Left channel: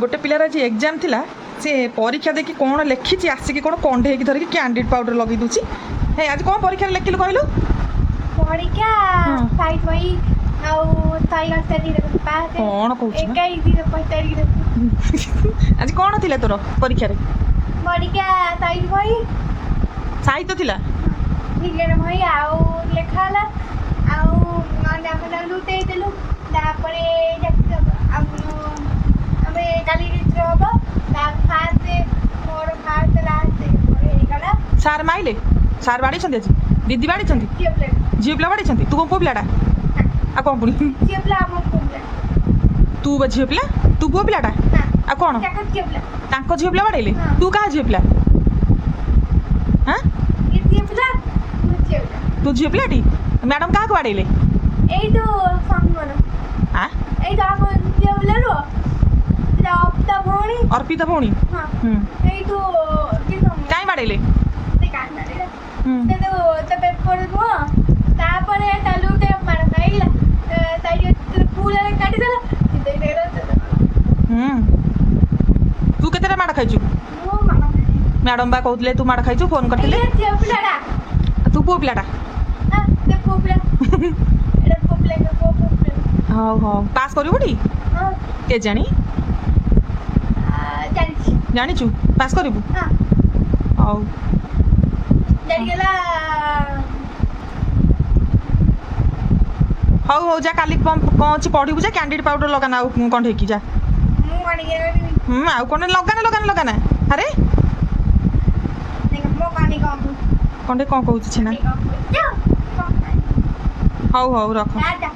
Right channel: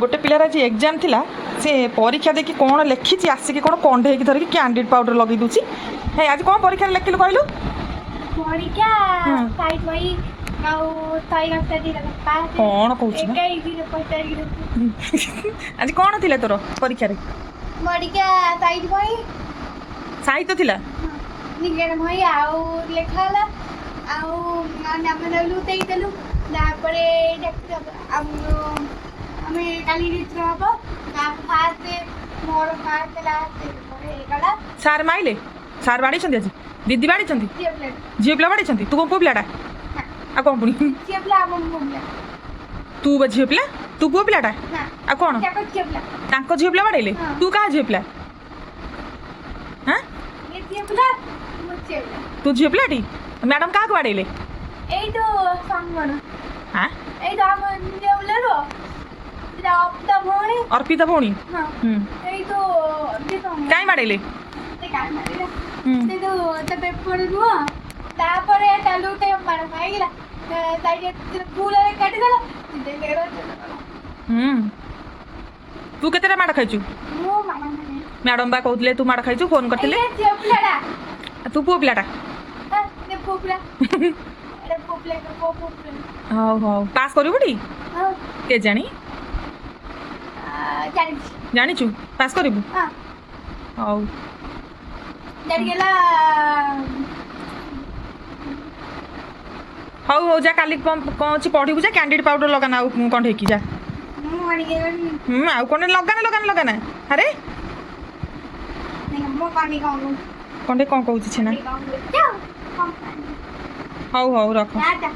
गोटे पिलार आज एग्जाम थिला से परीक्षा देखी कौन लिखी आसिक कौन कंडे धरिकी कैंडिड पाउडर लगे दूची हे आज कौन परीक्षा लिखिलु कहलु परीक्षा साइड वही कौन कहूँ आज कौन थिला तोर परीक्षा रे साहित्य थिला विज्ञान भाई आउ लेखाला आउ नाम लुटेलु तापरे आमे काली रित्र हबो फास्ट मोर फास्ट लास्ट गला सार माइले सार बाड़ी छंदी आज दीदी बाड़ी छंदी झियो पिला बाड़ी छंदी तू कौन पुଅ पिलाटा आ कौन पुणी झियो पिला हम बोलला तू बा झियो पिला तू पुଅ पिलाटा आ कौन ताको झियो पिला तांको झियो पिला बाड़ेले तू कहा झियो पिला हां ये झियो पिला मु झियो पिला तू झियो पिलाटी मैडम कहा बाड़ेले एई तो संगन हां एई तो हम झियो पिला रो अर्पिता भौणी हाँ एई तो काई बाड़ेले काय मारिला ते तो पेपर नु तापरे तालुटे मार खाइला ताई पूरा काटी देला दे देला तू केतेरा माड़ खाइछु मो मार नाही मैडम बा कहउतले तू माड़ खाइछु फोन करतिले ए झियो पिलाडा तू पुଅ पिलाटा ते पोपला एडा पोपले के पोपले हां हां पास करिबुटी हां के जानी जानी जानिछु पास करिबु हां हाउ डर गेला हाउ हो जा काली कौन पढ़िबु जा कैंडिड पाउडर लगाना आउ कंठे की जा मु गाड़ी गेली आउ कोन लगाना अरे नहीं मो गाड़ी कौन कंठे कौन कहउछि छना जा कौन हाउ हाउ रख जा